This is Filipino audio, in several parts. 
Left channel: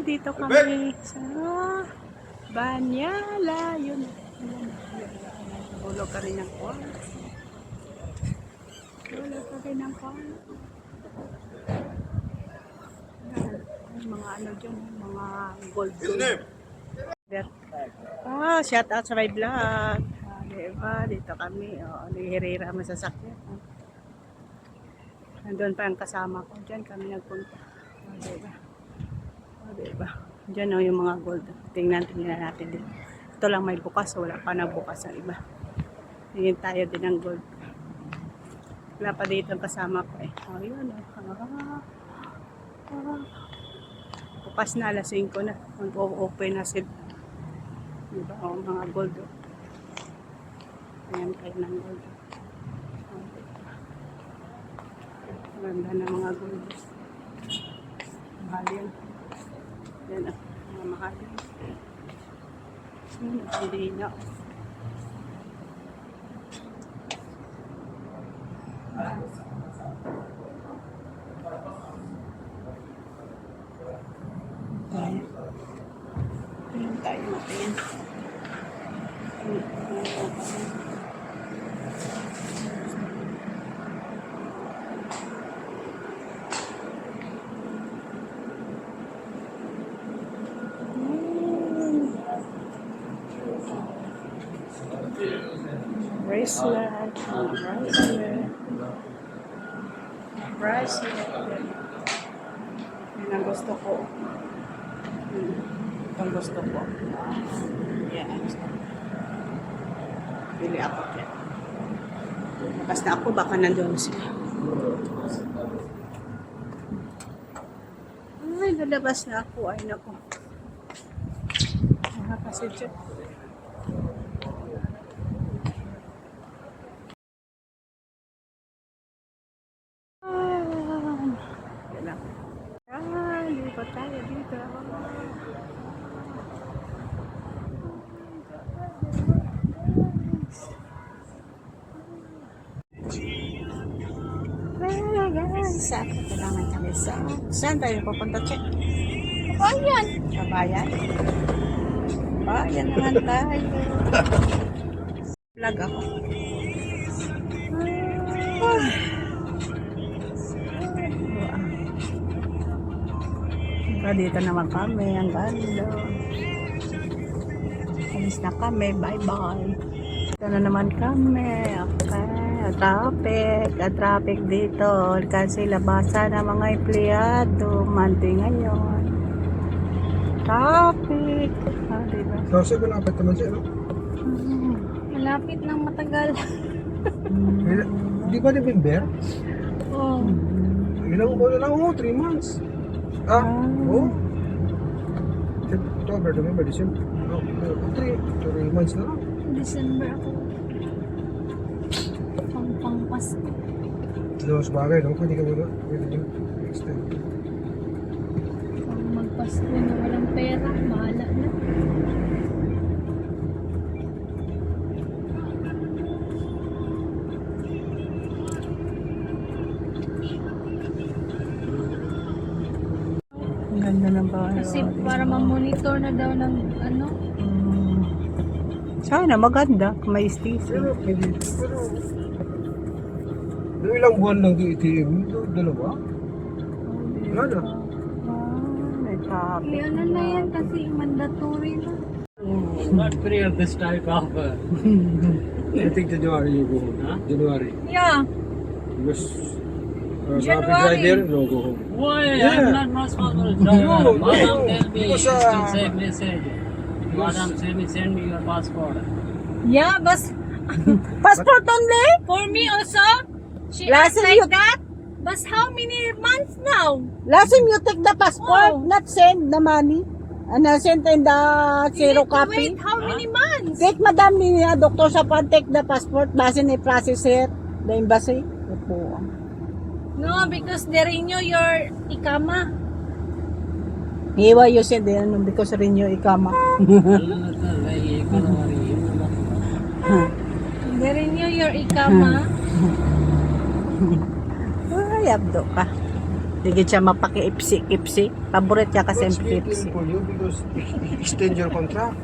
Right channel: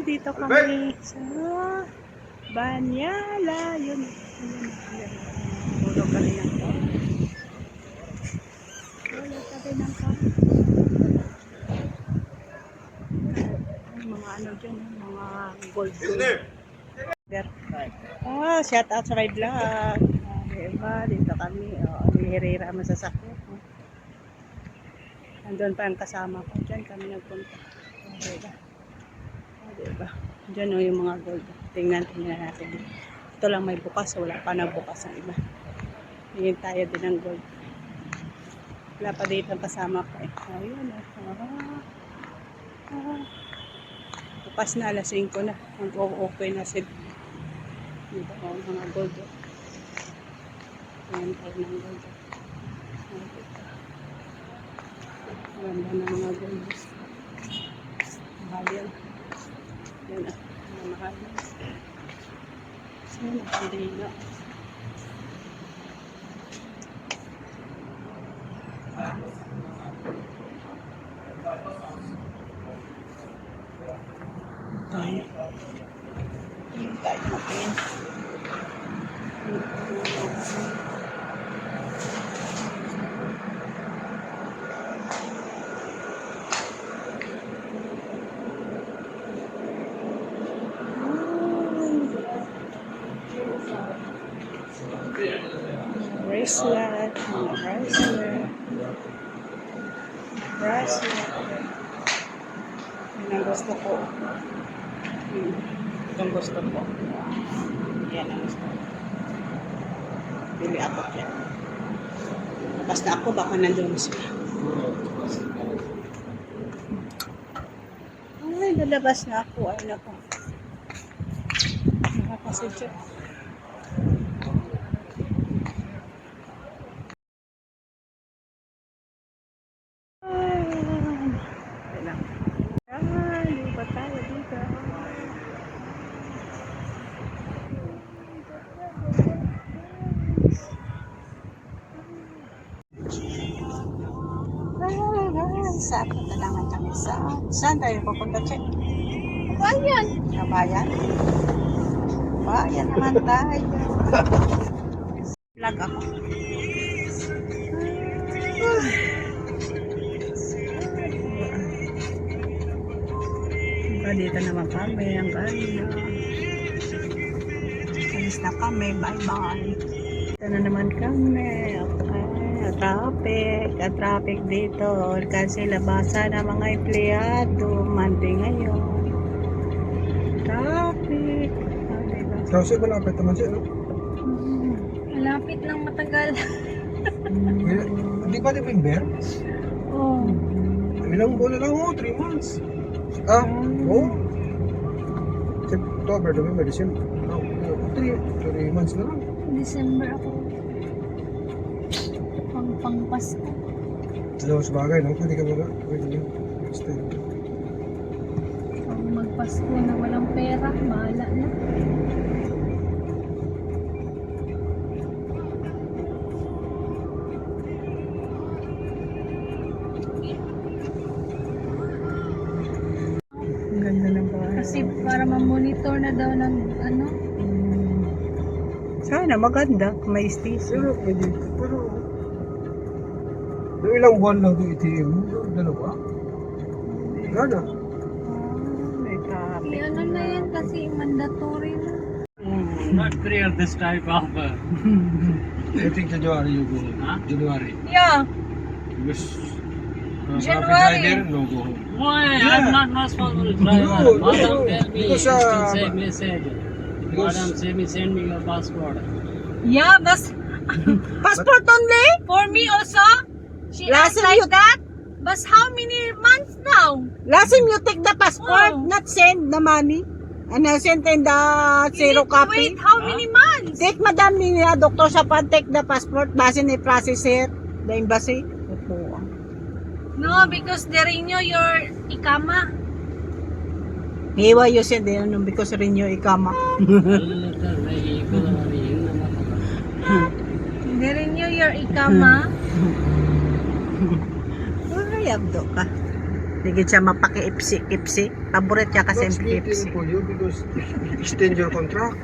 dito kami sa Banyala. Yun. Hulog kami ng kwan. Hulog kami ng kwan. Ay, mga ano dyan, mga gold. Shout out sa my vlog. Diba, dito kami. Nihirira masasakyan. Nandun pa ang kasama ko. Diyan kami nagpunta. Diba? Diba? Diyan yung mga gold. Tingnan natin din. Ito lang may bukas. Wala pa na bukas ang iba. Tingin tayo din ng gold. Wala pa dito ang kasama ko eh. Yun bukas na, alas 5 na. Mag-open na sila. Diba? Mga gold. Tingnan tayo ng gold. Ganda na mga gold. Mahal yan. Yan mga mahal yan. Yan, hindi na. Tayo. Tingin tayo natin. Bracelet, mga bracelet. Yun ang gusto ko. Itong gusto ko. Yan ang gusto ko. Pili ako dyan. Basta ako, baka nandun sila. Ay, lalabas na ako. Ay, nako. Nakakasidya. Lipat tayo dito. Sa katalangan kami sa saan tayo pupunta, Che? Bayan. Kabayan? Bayan naman tayo. Vlog ako. Dito naman kami, ang ganda. Alis na kami, bye-bye. Dito na naman kami, okay. Traffic dito. Kasi labasan ng mga empleyado. Monday ngayon. Traffic. Diba? Kasi malapit naman siya, no? Malapit lang matagal. Hindi ba November? Oo. Ilang buwan na lang, 3 months. October, November, December. 3 months na lang. December ako. Pang-Pasko. Sabagay, no? Pwede ka muna. Pag magpasko na walang pera, bahala na. Ang ganda ng bahay. Kasi para ma-monitor na daw ng ano. Sana maganda. May station. Pero, pwede. Pero, yung ilang buwan lang yung ATM, dalawa. Wala na. May traffic. Ano na yan kasi mandatory na. Not clear this type of I think January you go home. Huh? January. Yeah. Because January. driver, no go home. why Yeah. I'm not responsible driver. No, Madam no, tell me, because, you can send message. because- Madam say me send me your passport. Yeah, but Passport only? for me also, she Last asked time like you- that. But how many months now? Last time you take the passport, Oh. not send the money. And send in the You zero need to copy. wait how many months? Take madam ni Dr. Sapan, take the passport. Base ni process it, the embassy. Opo. No, because they renew your ikama. Hiwa you send ano because renew ikama. They renew your ikama. Ay, abdo ka. Hindi siya mapaki-ipsi-ipsi. Paborito niya kasi What's ipsi. waiting for you because extend your contract.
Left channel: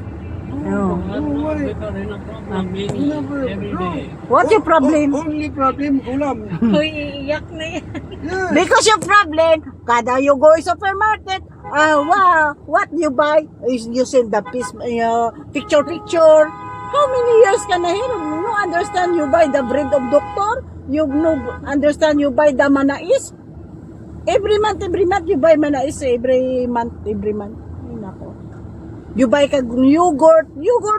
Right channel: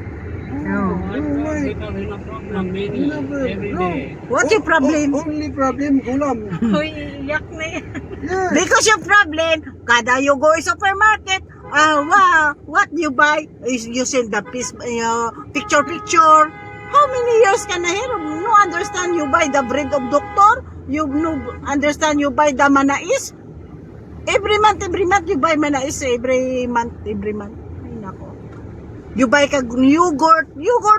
No. Because in a problem many every day. What your problem? Only problem, gulam. Uy, iiyak na yan. Yes. Because your problem, kada you go supermarket, wow, what you buy is you send the picture. How many years ka na here? No understand you buy the bread of doctor? You no understand you buy the manais? Every month you buy manais. Every month. Ay nako. You buy ka yogurt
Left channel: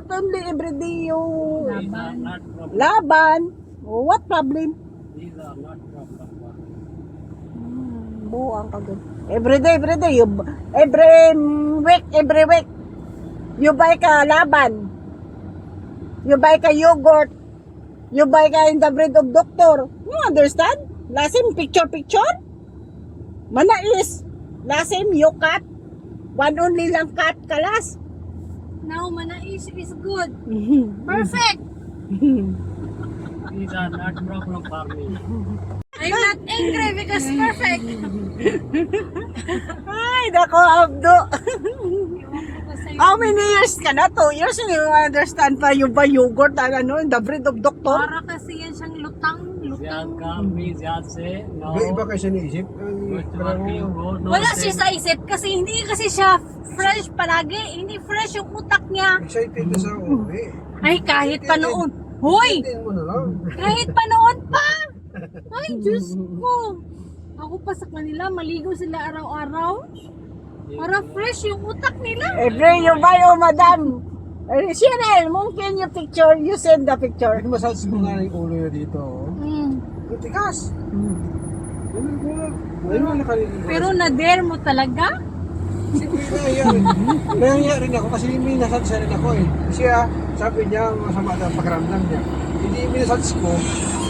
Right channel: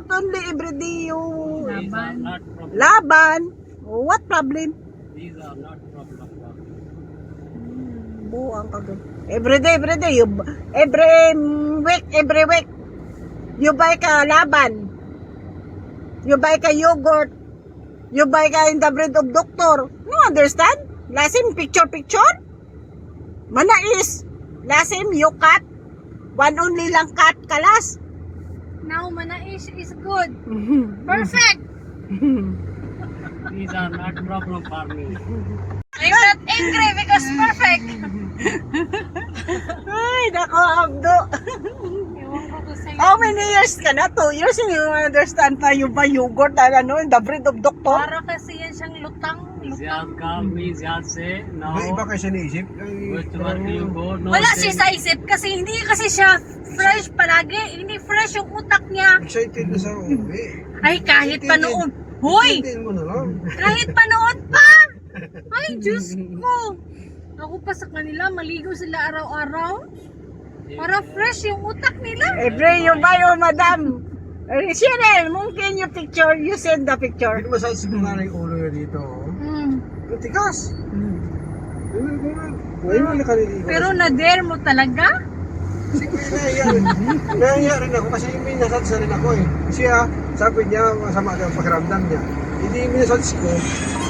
only every day you These are not problem. laban. What problem? These are not problem. Buang ka good. Every day you every week you buy ka laban. You buy ka yogurt. You buy ka in the bread of doctor. No understand? Lasim picture. Manais. Lasim you cut. One only lang cut kalas. Now, manais is good. Perfect. These are not problem for me. I'm not angry because perfect. Ay, nako, Abdo. Ewan ko kung sa'yo. How many years ka na? 2 years and you understand pa yung ba yogurt and ano, in the bread of doctor? Para kasi yan siyang lutang. Ziyad call me, Ziyad say, no. Iba kasi naisip. Which work you go, no. Wala say. siya sa isip kasi hindi kasi siya fresh palagi. Hindi fresh yung utak niya. Excited na sa uwi. Ay, kahit pa noon. Hoy! Excited mo na lang. Kahit pa noon pa! Ay, Diyos ko! Ako pa sa kanila, maligo sila araw-araw. Para fresh yung utak nila. Every you buy, oh, madam. Shirel, mungkin yung picture, you send the picture. Massage ko nga yung ulo niya dito. Oh. Ang tigas. Ngayon na kanina. Pero na-dare mo talaga? Nahiya rin ako kasi may massage rin ako eh. Kasi sabi niya, masama ang pakiramdam niya. Hindi yung massage ko.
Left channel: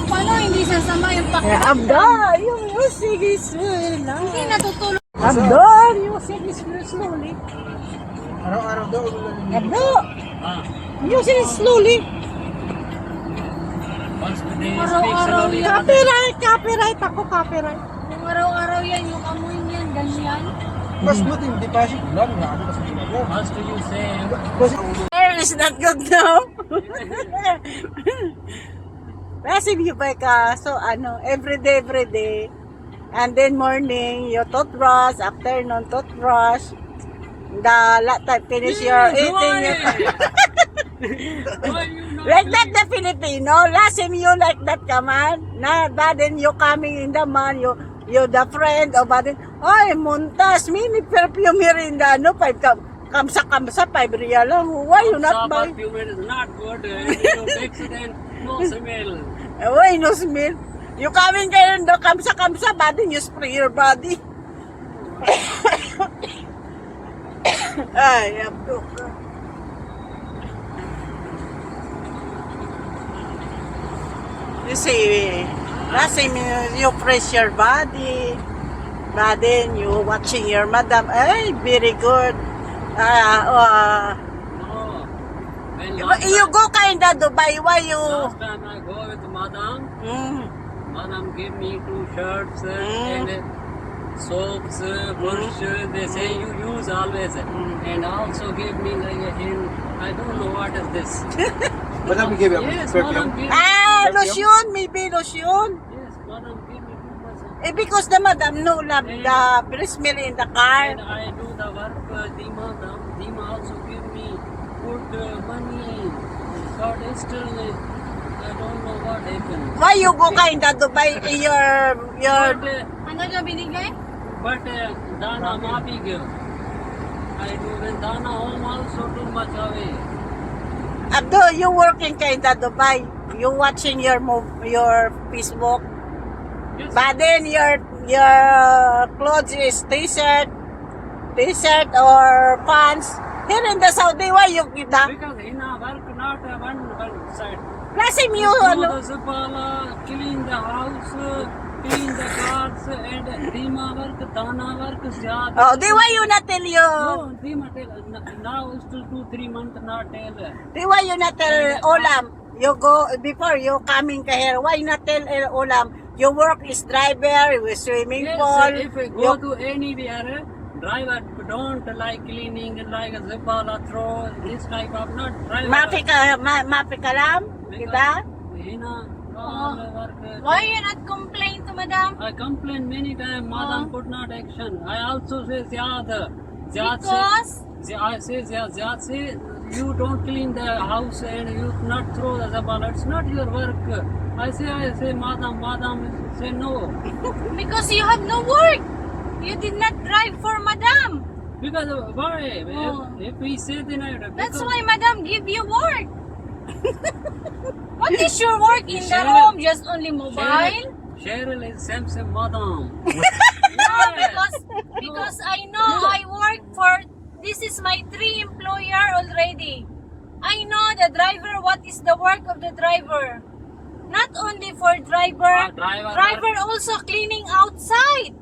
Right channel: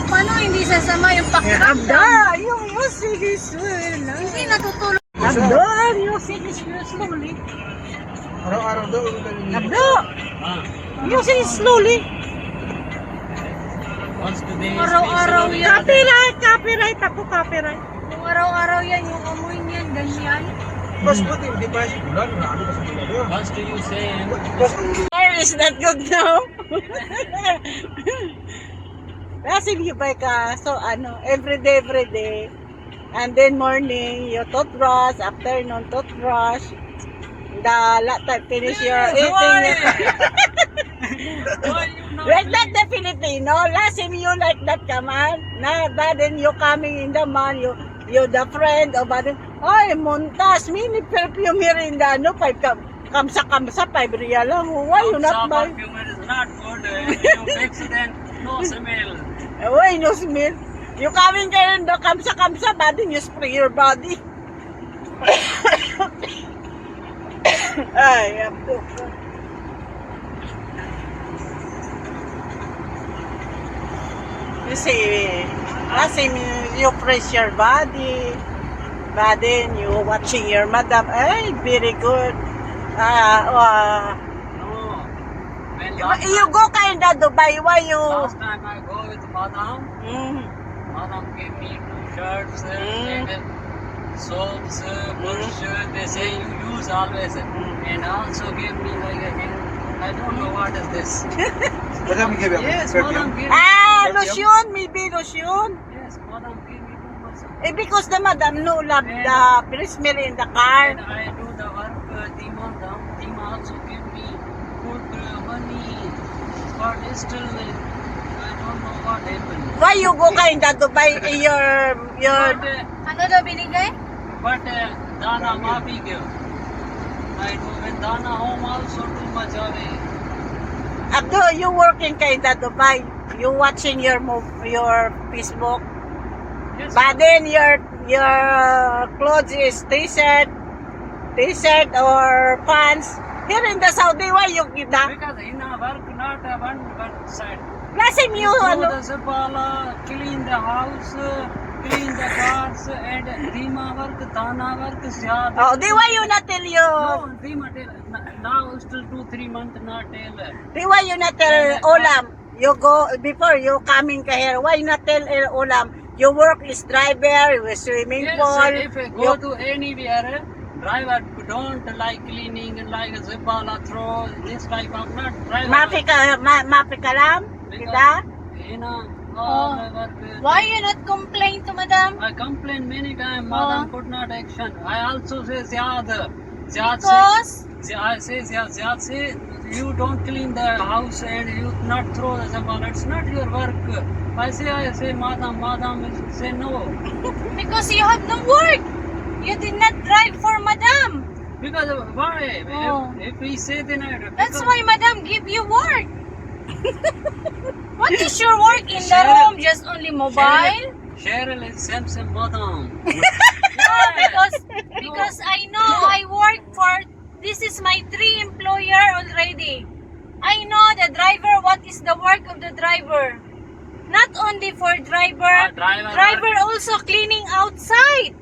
Paano hindi sasama yung Abda, pakiramdam? yung music is well. Hindi natutulog. Abda, music is slowly. Araw-araw daw. Abda, music is slowly. Once today is Araw-araw fixed, yan. Copyright ako, copyright. Yung araw-araw yan, yung amoy niyan, ganyan. Mas matindi pa siya. Wala, wala ano kasi ginagawa. First you say, Mas Air is not good now. Kasi you buy ka, so ano, every day. And then morning, you toothbrush, afternoon toothbrush. The time finish your eating. why you not Like that the Filipino, last time you like that kaman. Na, but then you coming in the man, you the friend, o ba din, ay, muntas, mini perfume here in the, ano, 5 kamsa, 5 real lang. Why you not buy? perfume is not good. If you fix it and no smell. Why no smell? You coming kayo in the kamsa, but then you spray your body. Ay, abdo ka. You see, last time you press your body, but then you watching your madam. Ay, very good. No. When You go kinda Dubai, why you? last time I go with Madam, Mm. Madam gave me 2 shirts Mm. and soaps, brush. They say you use always, and also gave me like a hand. I don't know what is this. madami give Yes, perfume. Madam gave me. Lotion, maybe lotion. Yes, Madam gave me too much. Because the madam no love the smell in the car. And I do the work. Dima also give me good money, but still I don't know what happened. Why you go kinda Dubai your Ano daw binigay? But Dana Mapi give. I do when Dana home also too much away. Abdo, you working kinda Dubai. You watching your your Facebook. Yes, But then your clothes is t-shirt or pants. Here in the Saudi, why you give that? because in a work not a one side. Plus him you Do ano. the Zapala, clean the house, clean the cars, and Dima work, Dana work, Zyada. Oh, di why you not tell you? No, Dima tell, now still 2-3 months not tell. Di why you not tell Olam? You go before you coming ka here. Why not tell Olam? your work is driver, with swimming Yes, pool. if I go to anywhere, driver don't like cleaning, like a zibala throw, this type of not driver. Mapi ka lang, diba? You know, Oh. Why you not complain to madam? I complained many times, madam put not action. I also say Ziad. Because I say Ziad say you don't clean the house and you not throw the zabala. It's not your work. I say madam say no. because you have no work. You did not drive for madam. Because why? Oh. If we say then That's why madam give you work. What is your work in the Cheryl- home? Just only mobile? Cheryl is Samson madam. No, because I know I work for, this is my 3 employer already. I know the driver, what is the work of the driver. Not only for driver, driver also cleaning outside.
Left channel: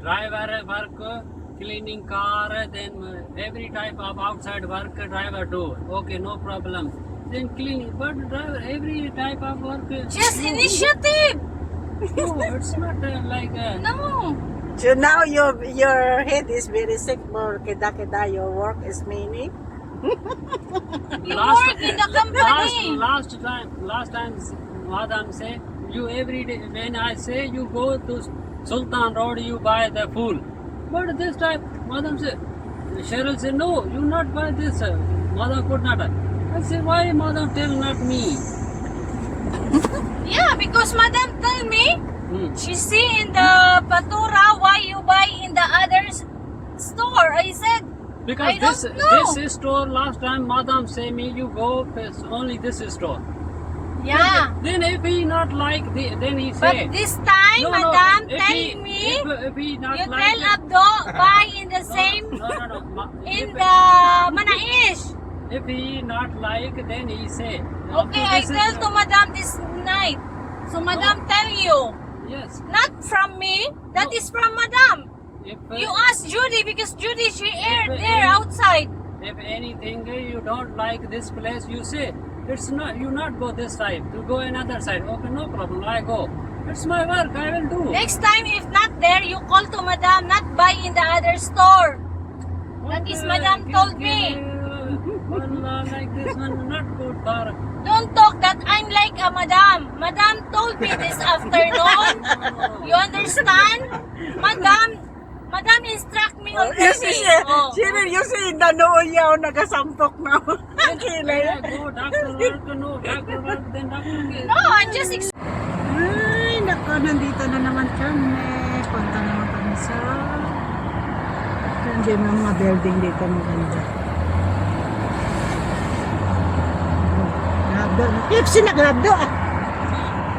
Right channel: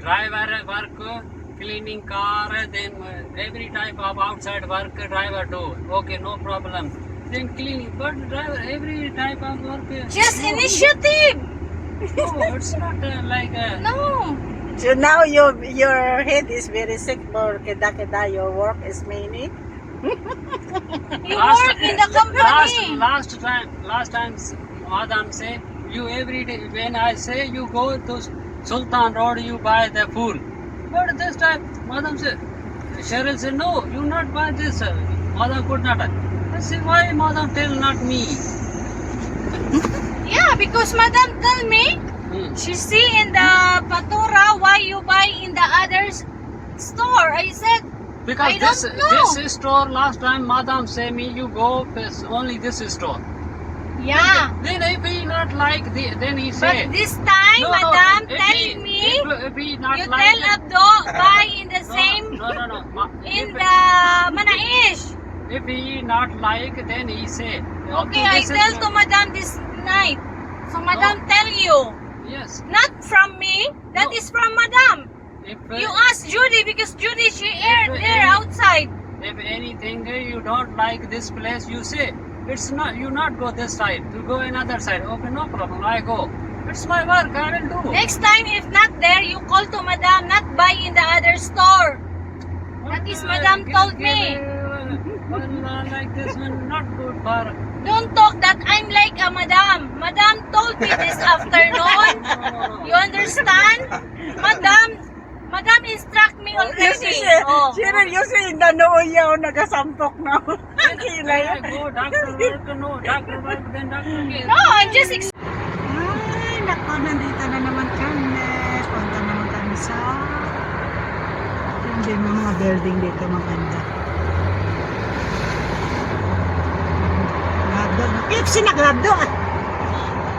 Driver work, cleaning car, then every type of outside work driver do. Okay, no problem. Then cleaning, but driver every type of work. Just initiative. No, it's not like. No. So now your head is very sick for keda your work is many. You work in the company. Last time, madam say you every day. When I say you go to Sultan Road, you buy the food. But this time, madam say, Cheryl said no, you not buy this. Madam could not. I say why madam tell not me? Yeah, because madam tell me, she see in the Patura why you buy in the other store. I said, Because I don't know. this store last time madam say me you go only this store. yeah. Then if he not like then he say. But this time, No, madam if tell he- me, if he not you like tell Abdo buy in the same, No. in If- the Manaish. If he not like, then he say. Okay, I tell to madam this night. So madam tell you, Yes. not from me, that No. is from madam. If You ask Judy because Judy she aired If- there outside. if anything you don't like this place, you say it's not. You not go this side. You go another side. Okay, no problem. I go. It's my work. I will do. Next time if not there, you call to madam, not buy in the other store. That is madam told me. Like this one, not good for. Don't talk that I'm like a madam. Madam told me this afternoon. You understand? Madam instruct me already. Oh. Cheryl, you see, danoon yaw nagasampok na. When I go doctor work, no doctor work, then doctor get. No, I'm just Ay, nako, nandito na naman kami. Punta naman kami sa... Hindi na mga building dito maganda. Nabdo. KFC na nabdo.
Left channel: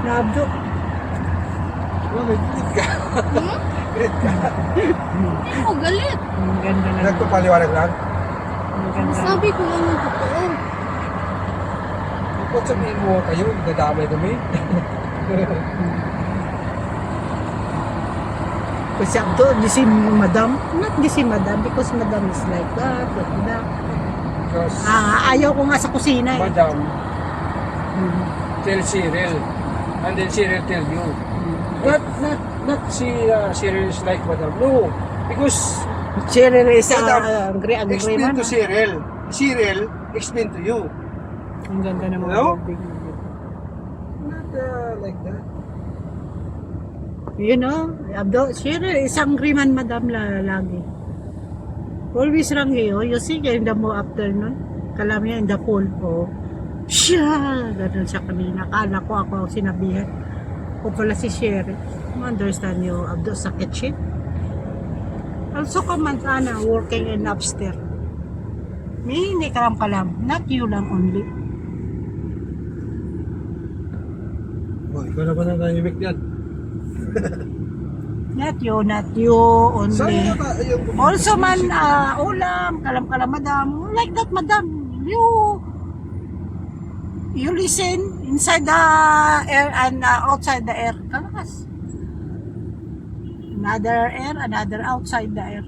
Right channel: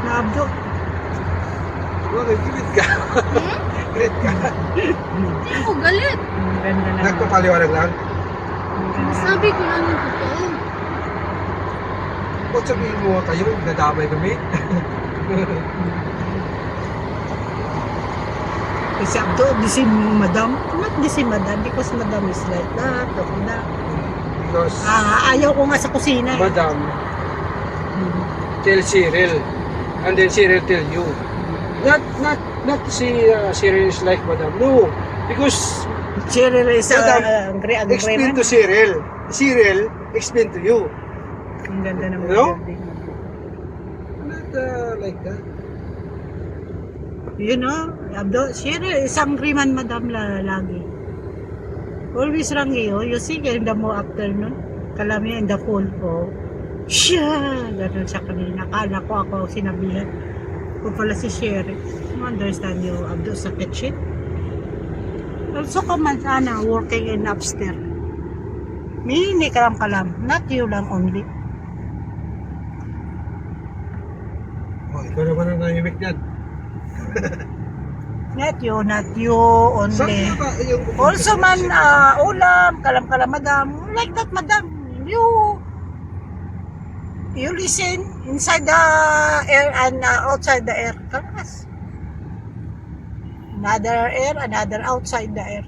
Nabdo. Wag, gilid ka. Gilid ka. Hindi ko galit. Ang ganda na. Nagpapaliwanag lang. Ang ganda. Sabi ko lang yung totoo. Kung sabihin mo tayo, nadamay kami. Kasi Abdo, di si Madam. Not di si Madam because Madam is like that. Like that. Because Ayaw ko nga sa kusina eh. Madam tell Cyril, and then Cyril tell you. Not Cyril is like Madam. No, because Cheryl is Madam, angry explain to Cyril. Cyril explain to you. Ang ganda ng mga No? building. Not like that. You know, Abdo, Cheryl is angry man Madam lagi. Always rangi, oh. You see, in the mo afternoon, kalamya in the pool, oh. Siya! Ganun sa kanina. Akala ko ako sinabihan. Kung pala si Cheryl. Understand you, Abdo, sa kitchen. Also, kaman sana, working in upstairs. May hindi kalam-kalam. Not you lang only. Oh, ikaw naman ang nahimik yan. Not you only. Saan ba yung... Also man, ulam, kalam-kalam, madam. Like that, madam. You listen inside the air and outside the air. Kalakas. Another air, another outside the air.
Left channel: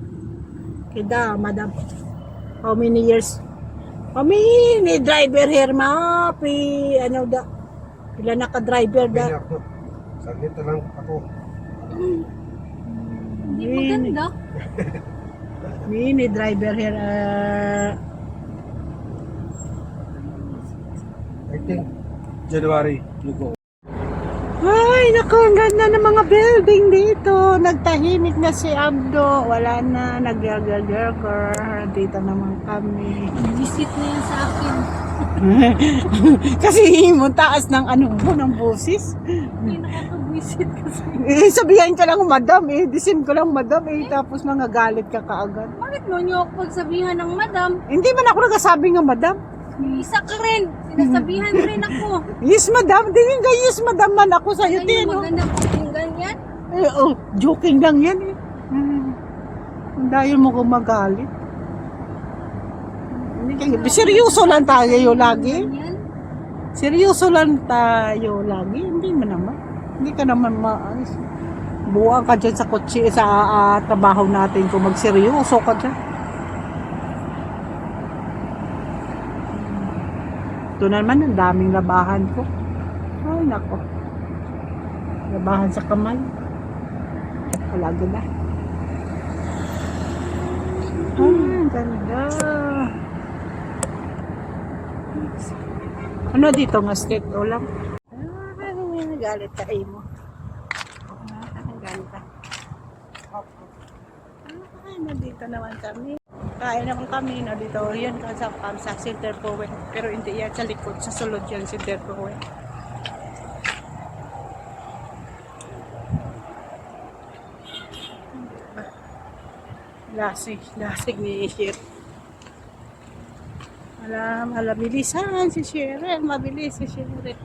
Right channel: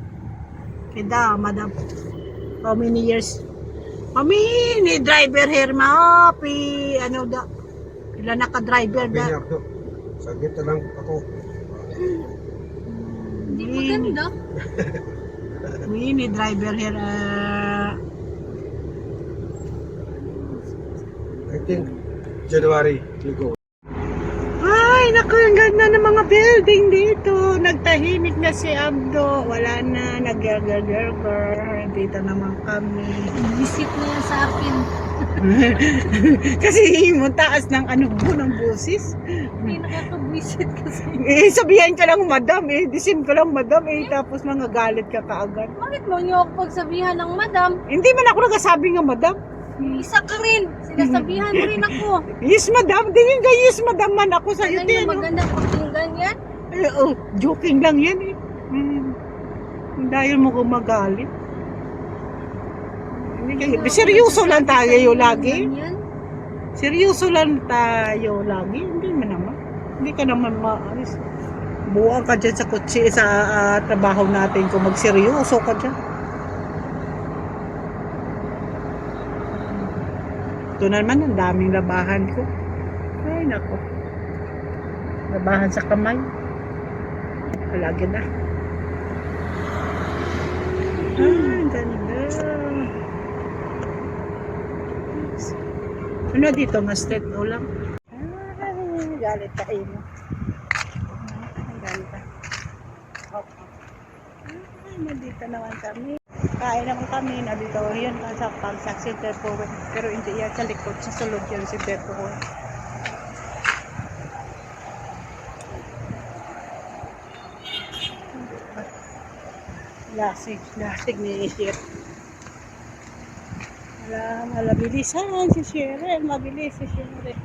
Kida, madam. How many years? How many driver here, ma? Ano da? Pila naka-driver da? Binyak, no? Saglit na lang ako. Hindi maganda. Mini driver here. I think January you go. Ay, naku, ang ganda ng mga building dito. Nagtahimik na si Abdo. Wala na, nag-gargar. Dito naman kami. Visit na yan sa akin. Kasi mo taas ng ano mo, ng busis. Hindi nakapag-visit kasi. Sabihan ka lang, madam disim ko lang, madam tapos galit ka kaagad. Bakit mo niyo ako pagsabihan ng madam? Hindi man ako nagsasabi nga, madam. Isa ka rin. Sinasabihan rin ako. Yes, madam. Tingin ka, yes, madam man ako sa'yo. Ganyan maganda pakinggan yan. Joking lang yan eh. Dahil mo kung magalit. Seryoso lang tayo lagi. Ganyan. Seryoso lang tayo lagi. Hindi mo naman. Hindi ka naman maalis. Buwang ka dyan sa kotse, sa trabaho natin kung magseryoso ka dyan. Ito naman, ang daming labahan ko. Ay, nako. Labahan sa kamay. Palagi na. Ay, ganda. Ano dito nga street o lang? Ay, galit tayo mo. Ay, ganda. Ay, nandito naman kami. Kain naman kami na dito. Yan ka sa Center Point. Pero hindi yan sa likod. Sa sulod yan Center Point. Lasig ni Isir. Malabilisan si Cheryl. Mabilis si Cheryl.